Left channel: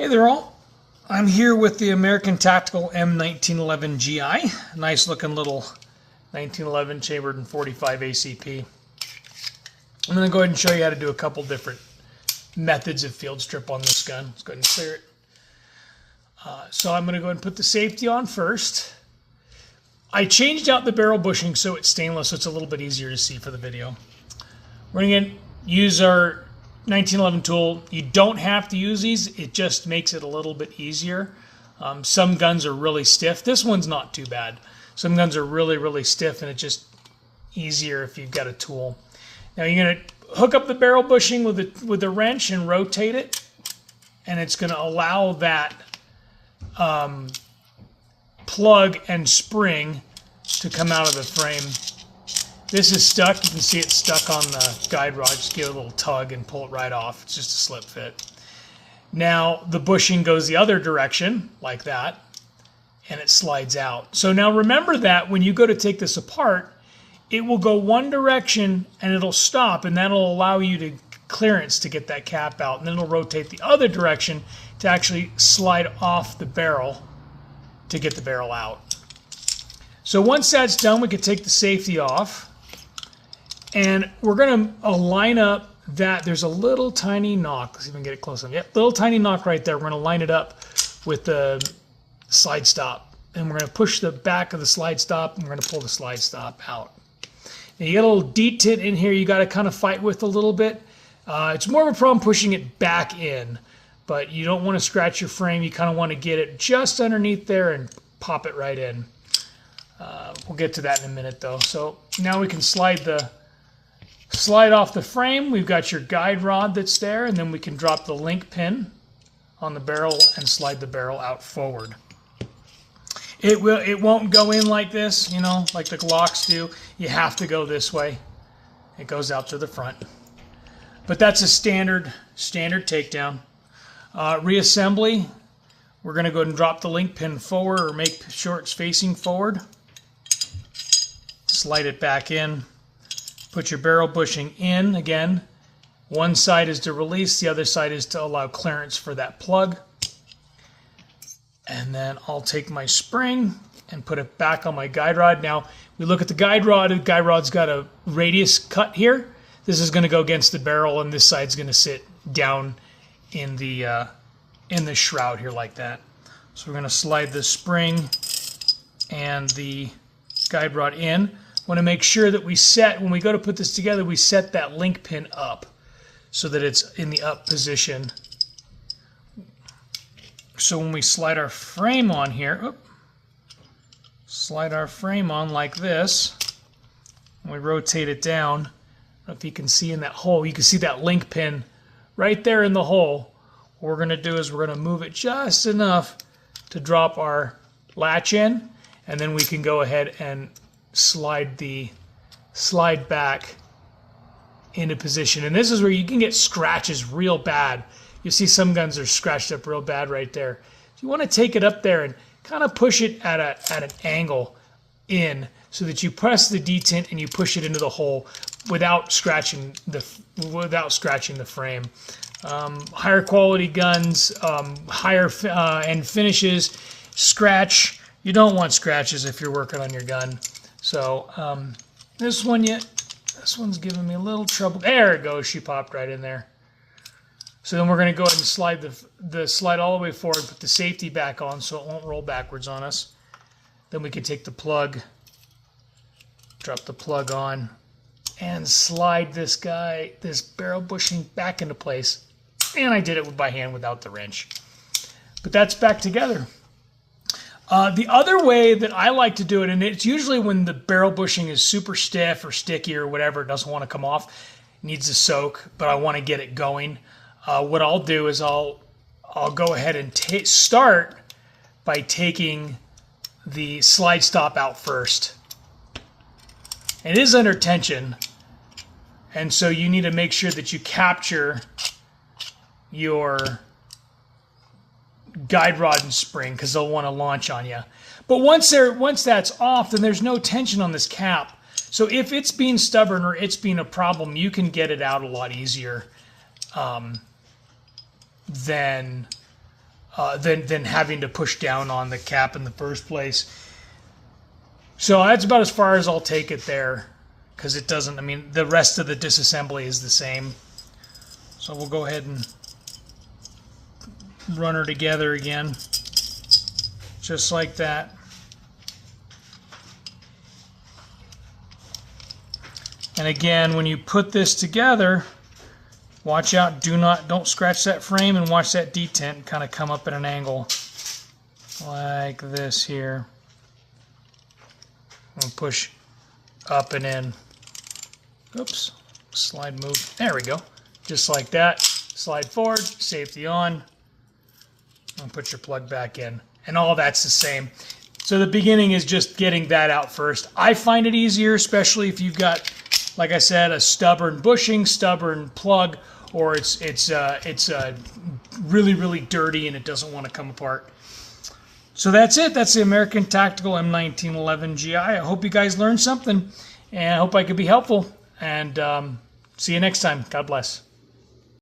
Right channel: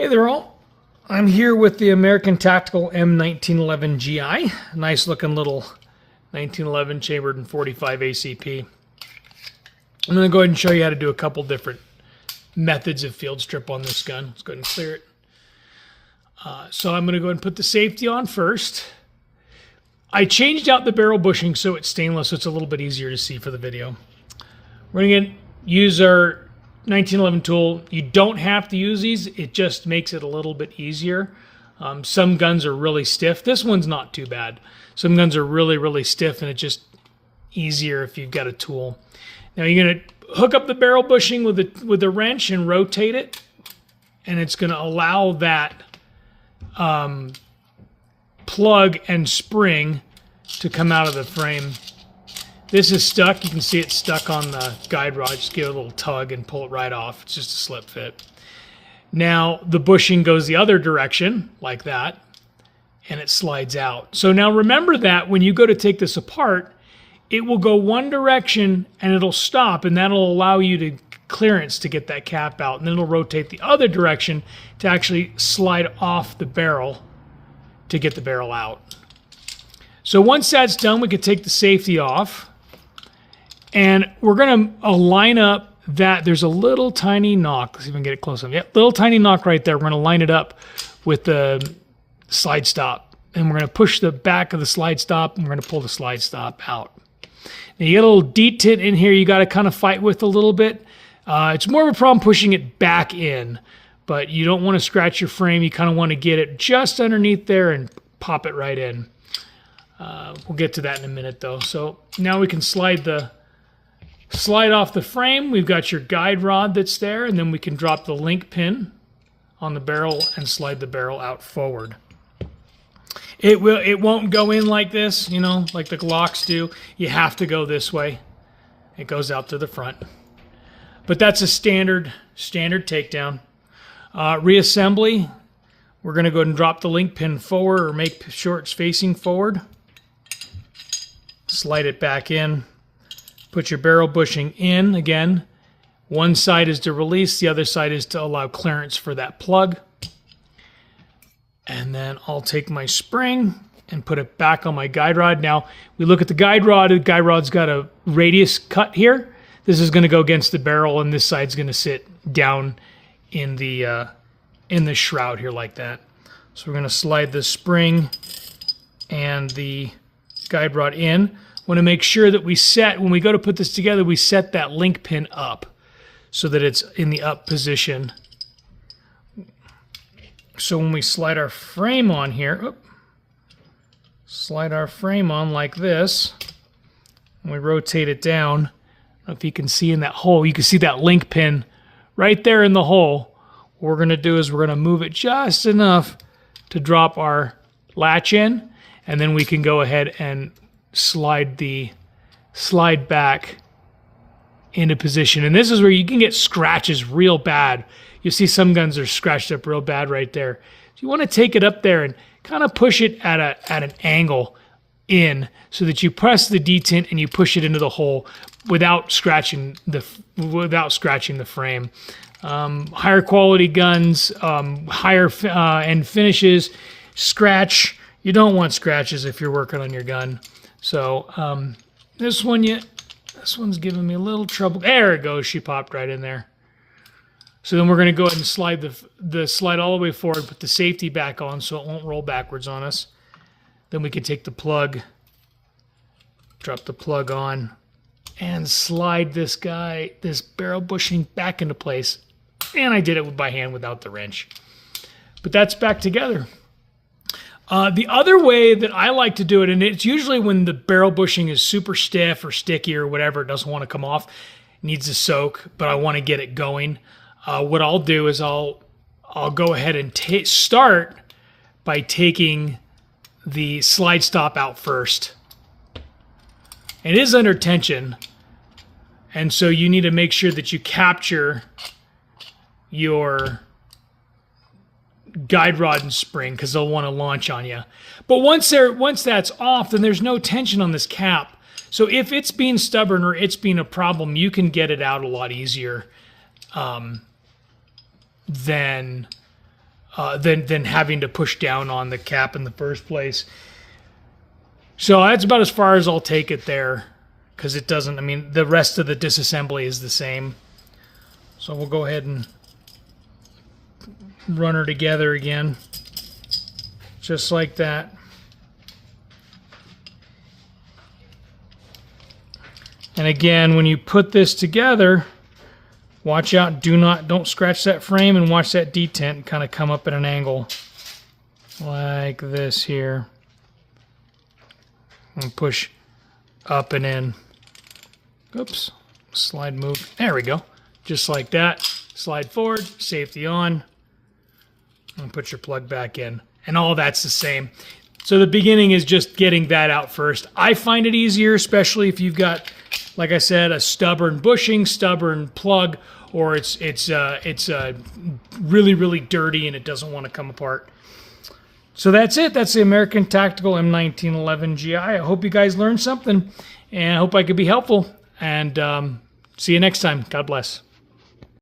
Hey there all, I'm here with the American Tactical M1911GI, nice looking little 1911 chambered in 45 ACP. I'm going to go ahead and show you how to do a couple different methods of field strip on this gun. Let's go ahead and clear it. So I'm going to go ahead and put the safety on first. I changed out the barrel bushing so it's stainless, so it's a little bit easier to see for the video. We're going to use our 1911 tool. You don't have to use these, it just makes it a little bit easier. Some guns are really stiff. This one's not too bad. Some guns are really stiff, and it's just easier if you've got a tool. Now you're going to hook up the barrel bushing with a wrench and rotate it, and it's going to allow that plug and spring to come out of the frame. This is stuck. You can see it's stuck on the guide rod. Just give it a little tug and pull it right off. It's just a slip fit. Now the bushing goes the other direction like that, and it slides out. So now remember that when you go to take this apart, it will go one direction and it'll stop, and that'll allow you to clearance to get that cap out, and then it'll rotate the other direction to actually slide off the barrel to get the barrel out. So once that's done, we can take the safety off. And we're going to line up that. There's a little tiny knock. Let's see if we can get it close enough. Yep, little tiny knock right there. We're going to line it up with the slide stop. And we're going to push the back of the slide stop, and we're going to pull the slide stop out. Now you get a little detent in here you got to kind of fight with a little bit. It's more of a problem pushing it back in, but you don't want to scratch your frame. You kind of want to get it just underneath there and pop it right in. We'll get to that in a minute though. So now we can slide off the frame. We've got your guide rod that's there, and then we can drop the link pin on the barrel and slide the barrel out forward. It won't go in like this, you know, like the Glocks do. You have to go this way. It goes out to the front. But that's a standard takedown. Reassembly, we're going to go ahead and drop the link pin forward, or make sure it's facing forward. Slide it back in. Put your barrel bushing in again. One side is to release, the other side is to allow clearance for that plug. And then I'll take my spring and put it back on my guide rod. Now, we look at the guide rod. The guide rod's got a radius cut here. This is going to go against the barrel, and this side's going to sit down in the shroud here like that. So we're going to slide the spring and the guide rod in. Want to make sure that we set, when we go to put this together, we set that link pin up so that it's in the up position. So when we slide our frame on here, slide our frame on like this, and we rotate it down. I don't know if you can see in that hole, you can see that link pin right there in the hole. What we're going to do is we're going to move it just enough to drop our latch in, and then we can go ahead and slide back into position. And this is where you can get scratches real bad. You see some guns are scratched up real bad right there. So you want to take it up there and kind of push it at an angle in, so that you press the detent and you push it into the hole without scratching the frame. Higher quality guns, higher end finishes, scratch. You don't want scratches if you're working on your gun. So this one's giving me a little trouble. There it goes. She popped right in there. So then we're going to go ahead and slide the slide all the way forward, put the safety back on so it won't roll backwards on us. Then we can take the plug, drop the plug on, and slide this barrel bushing back into place. And I did it by hand without the wrench. But that's back together. The other way that I like to do it, and it's usually when the barrel bushing is super stiff or sticky or whatever, it doesn't want to come off, needs to soak, but I want to get it going. What I'll do is I'll go ahead and start by taking the slide stop out first. It is under tension, and so you need to make sure that you capture your guide rod and spring, because they'll want to launch on you. But once that's off, then there's no tension on this cap. So if it's being stubborn or it's being a problem, you can get it out a lot easier than than having to push down on the cap in the first place. So that's about as far as I'll take it there, because it doesn't, I mean, the rest of the disassembly is the same. So we'll go ahead and run her together again, just like that. And again, when you put this together, watch out, don't scratch that frame, and watch that detent kind of come up at an angle like this here. And push up and in. Oops, slide move. There we go. Just like that. Slide forward, safety on, and put your plug back in. And all that's the same. So the beginning is just getting that out first. I find it easier, especially if you've got, like I said, a stubborn bushing, stubborn plug, or it's really, really dirty and it doesn't want to come apart. So that's it. That's the American Tactical M1911GI. I hope you guys learned something, and I hope I could be helpful. And see you next time. God bless.